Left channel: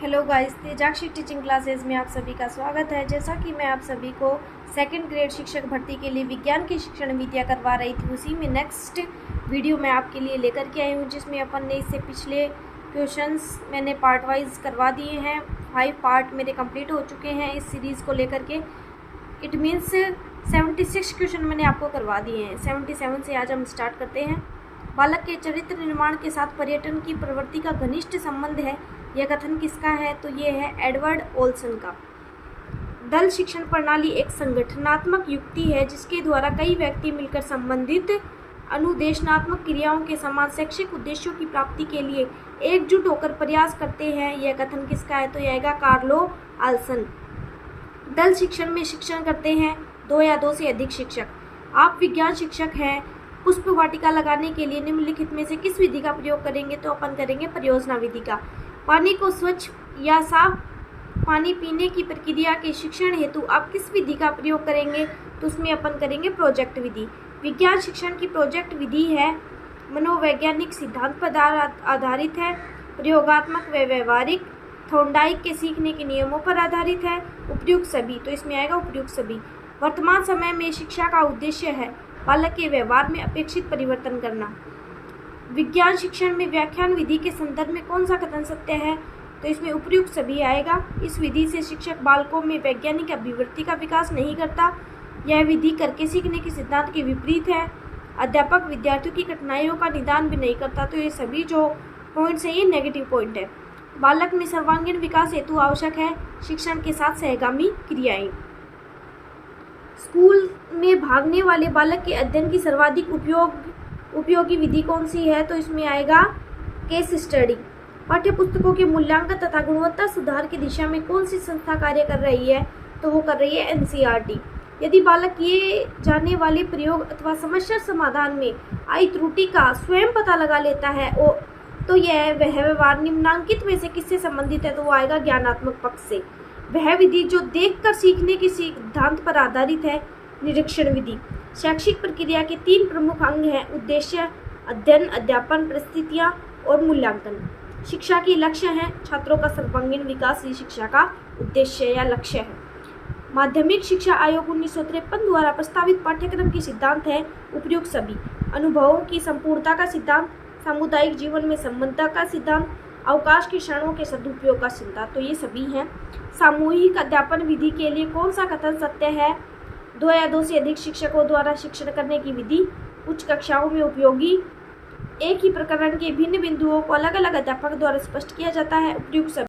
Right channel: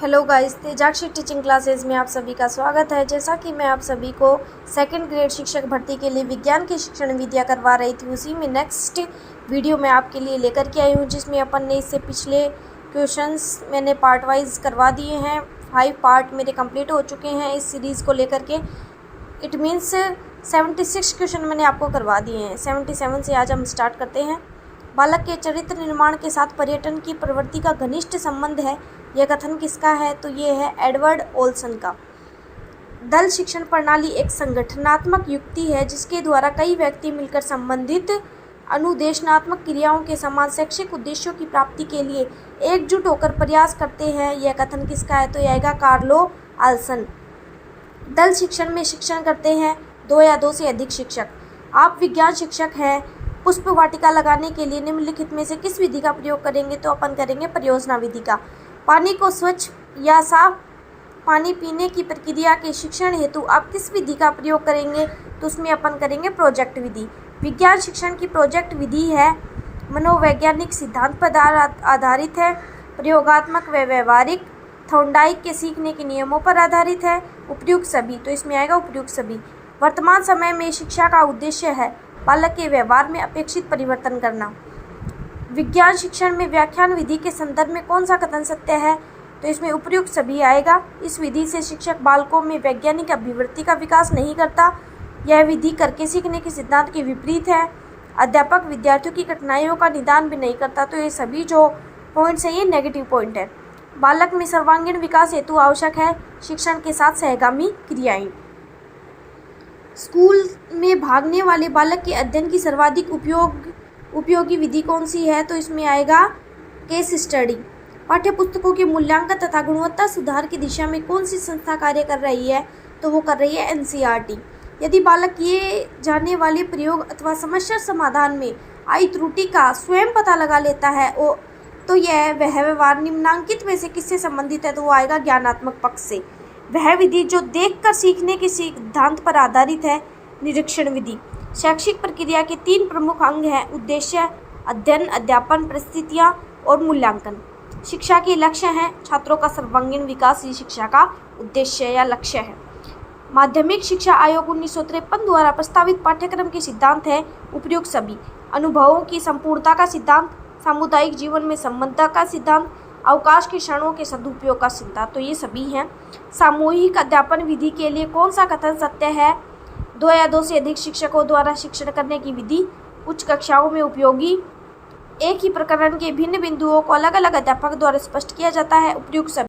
Hello guys, तेजाक्षी teaching classes में आप सभी का स्वागत है। जैसा कि मैं आप सभी को सेकंड ग्रेड शिक्षक भर्ती के लिए विज्ञान की शिक्षण विधियाँ करवा रही थी, उसी में नेक्स्ट वीडियो मैं आपके लिए लेकर के आई हूँ, जिसमें अपन ने इससे पिछले क्वेश्चंस मैंने पार्ट वाइज करवा दिए हैं। 5 पार्ट मेरे कंप्लीट हो चुके हैं इस सीरीज़ को लेकर के। इट मीन्स 76 क्वेश्चन मैंने आपको करवा दिए हैं। 77 से आज हम स्टार्ट करते हैं। बालक के चरित्र निर्माण के साथ पर्यटन की प्रवृत्ति का घनिष्ठ संबंध है, यह कथन किसका है? तो ये है एडवर्ड ओल्सन का। दल शिक्षण प्रणाली एक संगठनात्मक युक्ति है जिसके द्वारा कई व्यक्ति मिलकर संबंधित अनुदेशनात्मक क्रियाओं के समान शैक्षिक उद्देश्यों की प्राप्ति के लिए एकजुट होकर प्रयास करते हैं, यह कथन किसका है? तो यह आएगा कार्लो आल्सन। दल शिक्षण में शिक्षण करते हैं 2 या 2 से अधिक शिक्षक। आप विज्ञान शिक्षक हैं, पुष्प वाटिका लगाने के लिए निम्नलिखित में से किस विधि का प्रयोग करेंगे? तो अपन करेंगे परियोजना विधि का। पानी को स्वच्छ या साफ पानी पीने की प्रक्रिया के शिक्षण हेतु आप किस विधि का प्रयोग करेंगे? तो उसमें अपन करेंगे प्रोजेक्ट विधि। विज्ञान शिक्षण की प्रोजेक्ट विधि है मनोवैज्ञानिक सिद्धांत पर आधारित है, प्रयोगात्मक व व्यवहारिक, थॉर्नडाइक के सीखने के नियमों पर आधारित है, उपयुक्त सभी। तो इसमें आएगा उपयुक्त सभी। वर्तमान समय में शिक्षा का उद्देश्य है बालक के व्यवहार में अपेक्षित परिवर्तन करना। विज्ञान शिक्षण में व्याख्यान विधि के संदर्भ में कौन सा कथन सत्य है? तो इसमें उपयुक्त सभी आएगा। इस विधि से शिक्षक बालकों में वैज्ञानिक अभिवृत्ति का विकास नहीं करता। यह विधि करके सीखने के सिद्धांत के विपरीत है। अध्यापक विद्यार्थियों की कठिनाइयों का निदान भी नहीं करता। तो ये सभी जो पॉइंट्स हैं ये नेगेटिव पॉइंट है। बालक में सर्वांगीण विकास हेतु आवश्यक है शिक्षण के साथ सहगामी क्रियाएं। स्कूल में भागने वाले बालक के अध्ययन की सर्वाधिक उपयोगी विधि कौन सी है? तो इसमें आएगा केस स्टडी। पाठ्य पुस्तकों के मूल्यांकन तथा गुणवत्ता सुधार की दिशा में कौन सी संस्था कार्य कर रही है? तो वो कर रही है NCERT। यदि बालक ये जानने वाले प्रयोग अथवा समस्या समाधान में आई त्रुटि का स्वयं पता लगा लेता है तो यह वह व्यवहार निम्नांकित में से किससे संबंधित है? तो वो आएगा ज्ञानात्मक पक्ष से। वह विधि जो देखकर सीखने के सिद्धांत पर आधारित है, निरीक्षण विधि। शैक्षिक प्रक्रिया के 3 प्रमुख अंग हैं: उद्देश्य, अध्ययन, अध्यापन, परिस्थितियाँ और मूल्यांकन। शिक्षा के लक्ष्य हैं छात्रों का सर्वांगीण विकास, ये शिक्षा का उद्देश्य या लक्ष्य है। माध्यमिक शिक्षा आयोग 1953 द्वारा प्रस्तावित पाठ्यक्रम के सिद्धांत है उपयुक्त सभी। अनुभवों की संपूर्णता का सिद्धांत, सामुदायिक जीवन में संबद्धता का सिद्धांत, अवकाश के क्षणों के सदुपयोग का सिद्धांत। तो ये सभी हैं। सामूहिक अध्यापन विधि के लिए कौन सा कथन सत्य है? 2 या 2 से अधिक शिक्षकों द्वारा शिक्षण करने की विधि उच्च कक्षाओं में उपयोगी। एक ही प्रकरण के भिन्न बिंदुओं को अलग अलग अध्यापक द्वारा स्पष्ट किया जाता है, उपयुक्त सभी।